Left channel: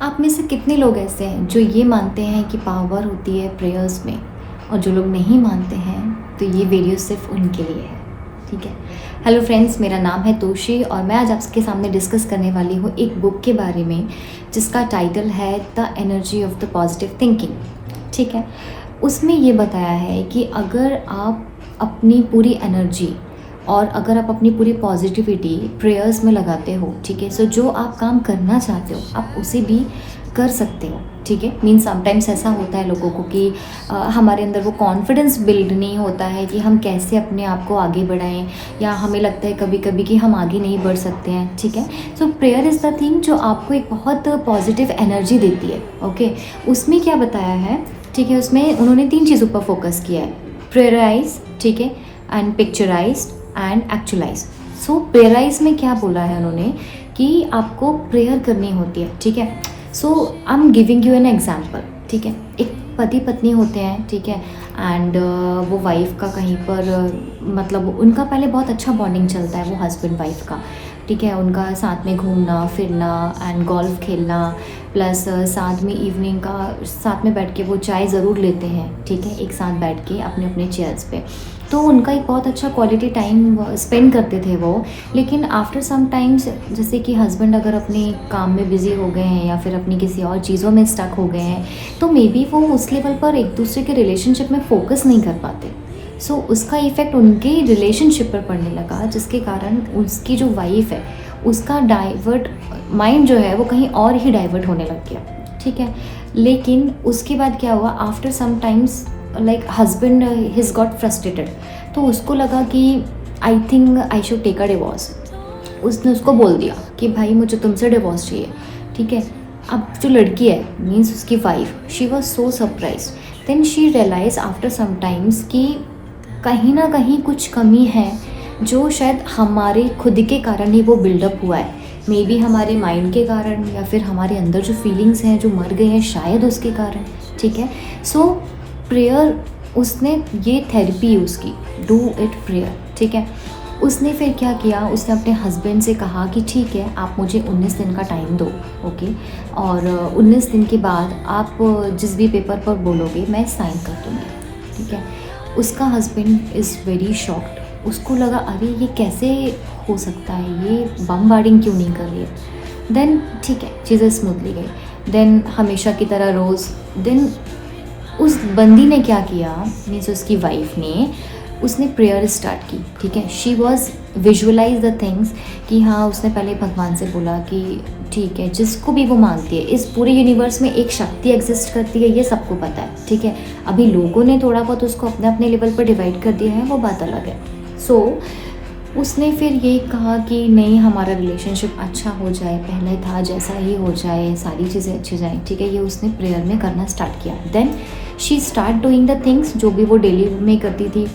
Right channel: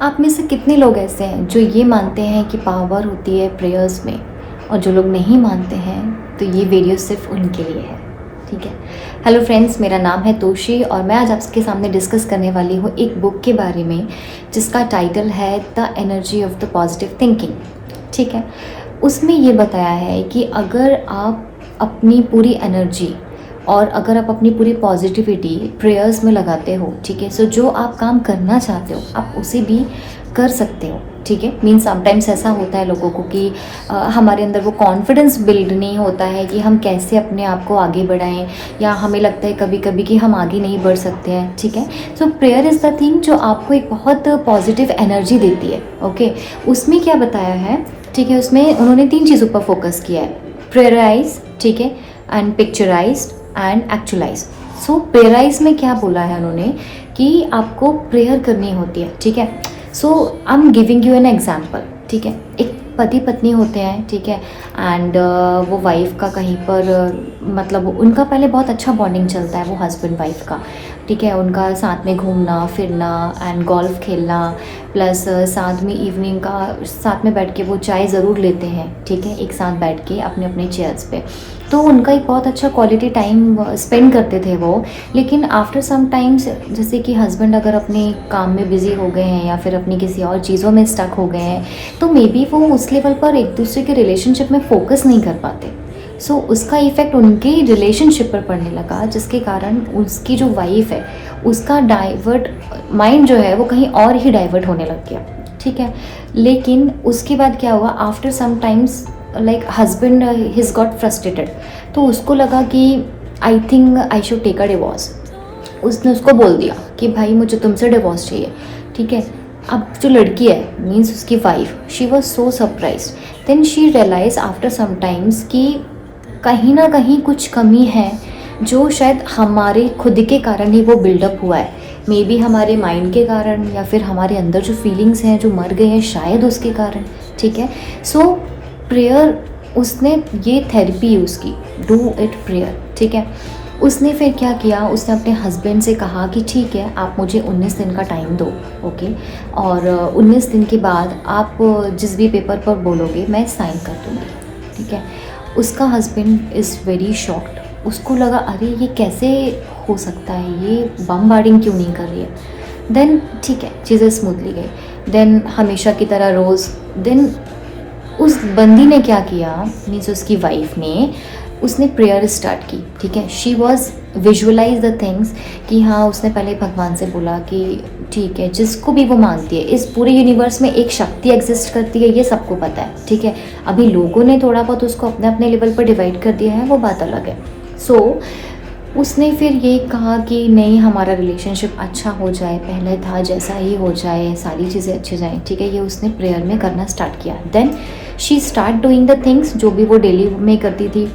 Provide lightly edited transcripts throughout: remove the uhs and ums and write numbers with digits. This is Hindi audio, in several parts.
आप में से कितने लोग ऐसे हैं जो ये मानते हैं कि पावर होती है प्रेयर्स में, और जो लोग नहीं मानते हैं तो ये वीडियो सिर्फ उनके लिए है। ठीक है। हेलो फ्रेंड्स, मेरा नाम है तोशी और मैं आज आपके सामने डिस्कस करने वाली हूँ एक बुक के बारे में जिसका टाइटल है the energy of the positive thinking. ठीक है। उसमें ये बताया है कि अगर आप अपनी पूरी एनर्जी और अगर आप अपनी पूरी पॉजिटिविटी प्रेयर्स में लगाते हो, ठीक है, सो जो आप काम करना चाहते हो आप उसे भी कर सकते हो। ठीक है। मीन्स समटाइम्स ऐसा होता है लोगों को कि हमारे अंदर वो कॉन्फिडेंस बिल्ड नहीं होता है कि हम कैसे अपने आप को आगे बढ़ाएं, या हमें लगता है कभी कभी कि हम आगे नहीं बढ़ सकते हैं। ठीक है। सो प्रेयर इज़ द थिंग जो आपको एक बहुत पॉजिटिव एनर्जी देती है। ओके। उसमें क्या बताया है, ठीक है, उसमें उन्होंने 3 चीज़ों पर फोकस किया है, प्रेयराइज, ठीक है, एंड पिक्चराइज एंड एक्चुअलाइज। सो प्रेयराइज में क्या बोला है उन्होंने कि आपको प्रेयर करनी होती है। ठीक है। So I am giving you an example. ठीक है। एक पति पत्नी होते हैं, ठीक है, एंड वो वाइफ का कहीं पर मतलब उनका पहले बहुत अच्छा बॉन्डिंग चलता है, वो हस्बैंड वाइफ का। ठीक है। उनका साथ में घूमना फिरना एंड गोल्फ खेलना, प्लस साथ में इवनिंग का साथ में बैठ के वो चाय ज़रूर लेते हैं। ठीक है। एक साथ बैठ के अपने अपने चेयर्स पे, तो उनका एक बहुत अच्छा क्वालिटी टाइम स्पेंड करते थे वो। लेकिन आफ्टर सम टाइम्स जैसे कि हस्बैंड अगर अपने काम में बिज़ी हो गए हैं या फिर अपनी किसी और चीज़ों में स्टक हो गए हैं, तो मे बी वो उस लेवल पर एक दूसरे के रिलेशनशिप में फोकस नहीं कर पाते। सो उसका इफ़ेक्ट उनके रिलेशनशिप पर पड़ने लगा, जिसके कारण उसकी जो वाइफ है उसका डाइवर्ट माइंड जो है वो कहीं और ही डाइवर्ट होने लग गया। ठीक है। लेकिन उसके बाद क्या हुआ, after some times like husband his got frustrated, तो उसको लगा कि I think I should take a divorce. उसने उसको बोल दिया कि भाई मुझे तुमसे डिवोर्स चाहिए। ठीक है। अब जो लड़की है मीन्स उसकी wife, she was so surprise. Then she realise after some times कि कहीं ना कहीं कुछ कमी है जो शायद हमारे खुद के कारण ही वो बिल्डअप हुआ है। मे बी हमारे माइंड के कारण, या फिर हमारे अंदर जो फीलिंग्स हैं जो मर गए हैं शायद उसके कारण। ठीक है। सो प्रेयर, उसने ये थेरेपी यूज़ की, डू इट प्रेयर। ठीक है। उसने फिर क्या किया, उसने अपने हस्बैंड से कहा कि ठीक है आप मुझे 19 दिन का टाइम दो। ओके। और 19 दिन के बाद आप जिस भी पेपर पर बोलोगे मैं साइन कर दूँगी। ठीक है। उसका हस्बैंड इज़ वेरी शॉक्ड। उसको लगा अरे ये कैसे हो सकता है, ये बमबार्डिंग क्यों नहीं कर रही है। देन ठीक है चीज़ें स्मूथली गई। देन हमेशा की तरह रोज़, देन उस बंदी ने क्या किया, मीन्स उसकी वाइफ ने, उसने प्रेयर स्टार्ट की। ठीक है। She was visualise the things कि हाँ, उसने पहले भगवान से बोला कि ठीक है जिसको भी वो मानती है, इस पूरे यूनिवर्स में एक शक्ति एग्जिस्ट करती है, ये सबको पता है। ठीक है। अभी लोगों ने थोड़ा बहुत उसको अपने अपने लेवल पर डिवाइड कर दिया है, वो बात अलग है। सो उसने फिर ये कहा कि नहीं, हमारा रिलेशनशिप अच्छा हो जाए, पहले था जैसा ही हो जाए, सारी चीज़ें अच्छी जाएँ। ठीक है। ये उसने प्रेयर में करना स्टार्ट किया। Then she start doing the things जो भी वो डेली में करती थी।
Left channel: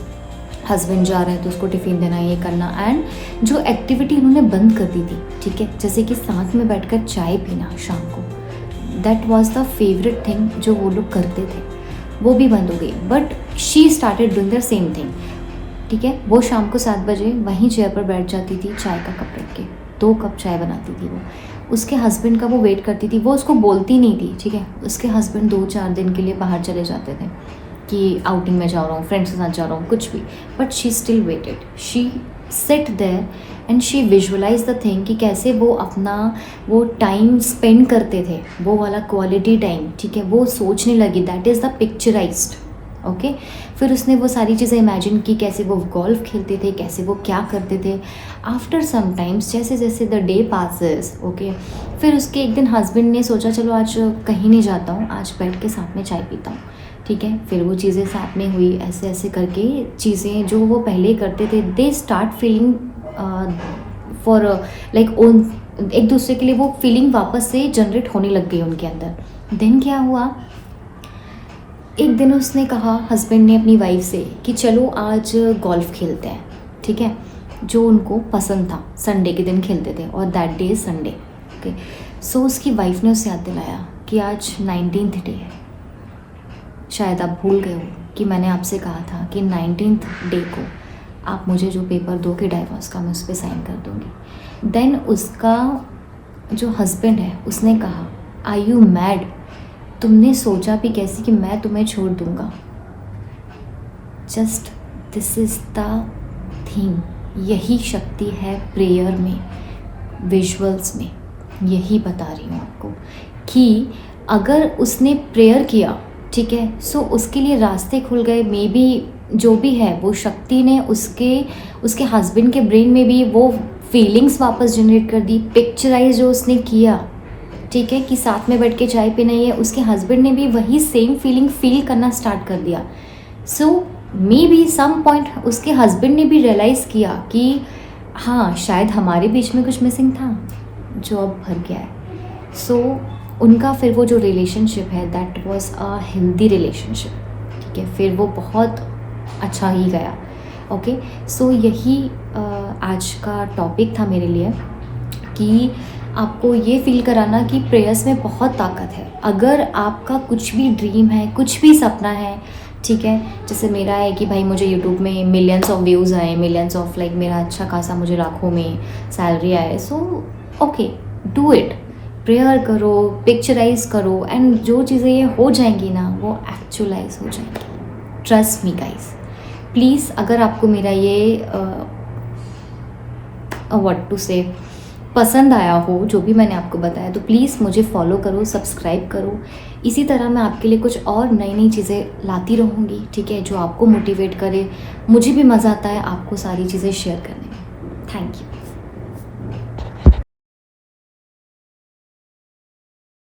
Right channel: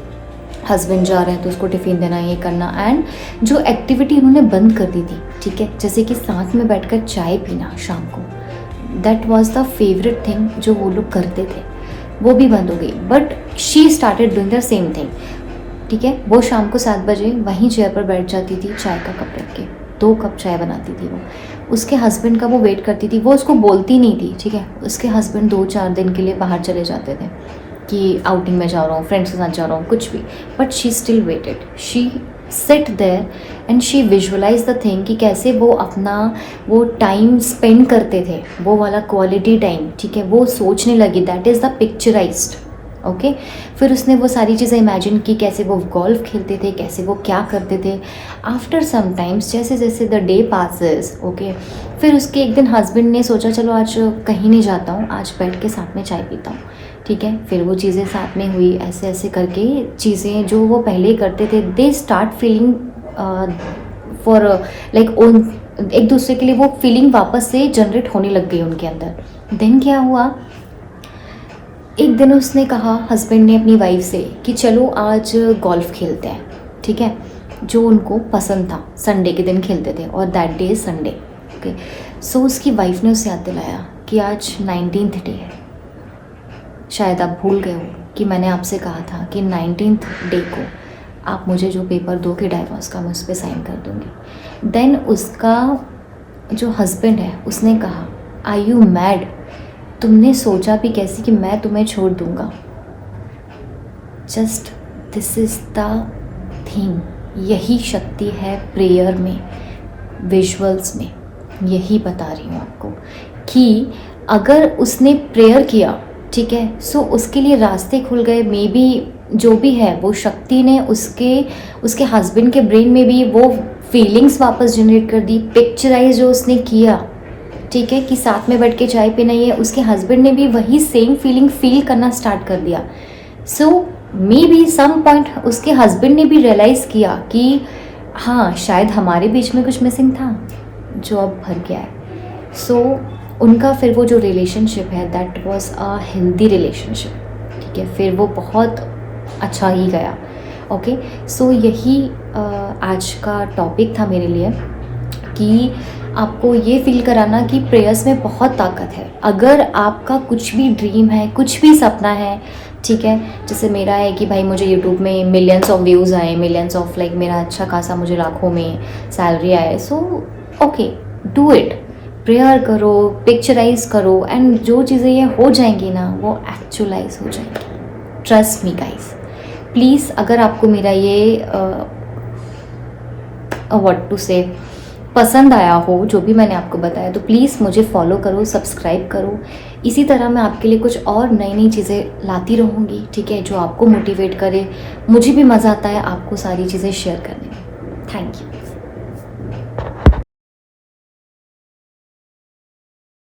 हस्बैंड जा रहे हैं तो उसको टिफ़िन देना, ये करना, एंड जो एक्टिविटी उन्होंने बंद कर दी थी, ठीक है, जैसे कि साथ में बैठकर चाय पीना शाम को, that was the favourite thing जो वो लोग करते थे, वो भी बंद हो गई। But she started doing the same thing. ठीक है। वो शाम को 7 बजे वहीं चेयर पर बैठ जाती थी, चाय का कप रख के 2 कप चाय बनाती थी वो। उसके हस्बैंड का वो वेट करती थी, वो उसको बोलती नहीं थी। ठीक है। उसके हस्बैंड 2-4 दिन के लिए बाहर चले जाते थे कि आउटिंग में जा रहा हूँ, फ्रेंड्स के साथ जा रहा हूँ, कुछ भी, but she still waited. She sit there and she visualise the thing कि कैसे वो अपना वो टाइम स्पेंड करते थे, वो वाला क्वालिटी टाइम। ठीक है। वो सोचने लगी, that is the picturised. Okay. फिर उसने वो सारी चीज़ें इमेजिन की, कैसे वो गोल्फ खेलते थे, कैसे वो क्या करते थे। आफ्टर सम टाइम्स जैसे जैसे द डे पासेस, ओके, फिर उसके एक दिन हस्बैंड ने सोचा चलो आज कहीं नहीं जाता हूँ, आज बैठ के साथ में चाय पीता हूँ। ठीक है। फिर वो चीज़ें साथ में हुई, ऐसे ऐसे करके चीज़ें जो वो पहले करते थे, they start feeling for like own, एक दूसरे के लिए वो फीलिंग वापस से जनरेट होने लग गई उनके अंदर। देन क्या हुआ, एक दिन उसने कहा हस्बैंड ने अपनी वाइफ से कि चलो आज गोल्फ खेलते हैं। ठीक है। जो उनको पसंद था, संडे के दिन खेलते थे और that day is Sunday. Okay. So उसकी वाइफ ने उसे याद दिलाया कि आज 19th डे है, शायद आप भूल गए हो कि मैंने आपसे कहा था कि 19th डे को आप मुझे जो पेपर दोगे डाइवोर्स का, मैं उस पर साइन कर दूँगी। देन उसका जो हस्बैंड है उसने कहा आर यू मैड? तुमने सोचा भी कैसे कि मैं तुम्हें छोड़ दूँगा? Just this is the thing. यही शक्ति है प्रेयर में, विजुअल्स में। यही बता रही हूँ आपको कि अगर उसने प्रेयर किया, ठीक है, सो उसके लिए रास्ते खुल गए। मे बी जो भी है वो शक्ति ने उसके हस्बैंड के ब्रेन में भी वो फीलिंग्स वापस जनरेट कर दी। पिक्चराइज जो उसने किया, ठीक है, कि साथ में बैठ के चाय पीना, ये उसके हस्बैंड ने भी वही सेम फीलिंग फील करना स्टार्ट कर दिया। सो मे बी सम पॉइंट उसके हस्बैंड ने भी रियलाइज़ किया कि हाँ, शायद हमारे बीच में कुछ मिसिंग था जो अब भर गया है। सो उनका फिर वो जो रिलेशनशिप है that was a healthy relationship, ठीक है, फिर वो बहुत अच्छा ही गया। ओके, सो यही आज का टॉपिक था मेरे लिए कि आपको ये फील कराना कि प्रेयर्स में बहुत ताकत है। अगर आपका कुछ भी ड्रीम है, कुछ भी सपना है, ठीक है, जैसे मेरा है कि भाई मुझे यूट्यूब में मिलियंस ऑफ व्यूज़ आए, मिलियंस ऑफ लाइक मेरा अच्छा खासा मुझे लाखों में सैलरी आए, so okay, do it. Prayer करो, पिक्चराइज करो, एंड जो चीज़ें ये हो जाएंगी ना वो एक्चुअलाइज हो जाएंगी। Trust me guys, please. अगर आपको मेरा ये व्हाट टू से पसंद आया हो जो भी मैंने आपको बताया, तो प्लीज़ मुझे फॉलो करो, सब्सक्राइब करो। इसी तरह मैं आपके लिए कुछ और नई नई चीज़ें लाती रहूँगी, ठीक है, जो आपको मोटिवेट करे। मुझे भी मज़ा आता है आपको सारी चीज़ें शेयर करने में। Thank you.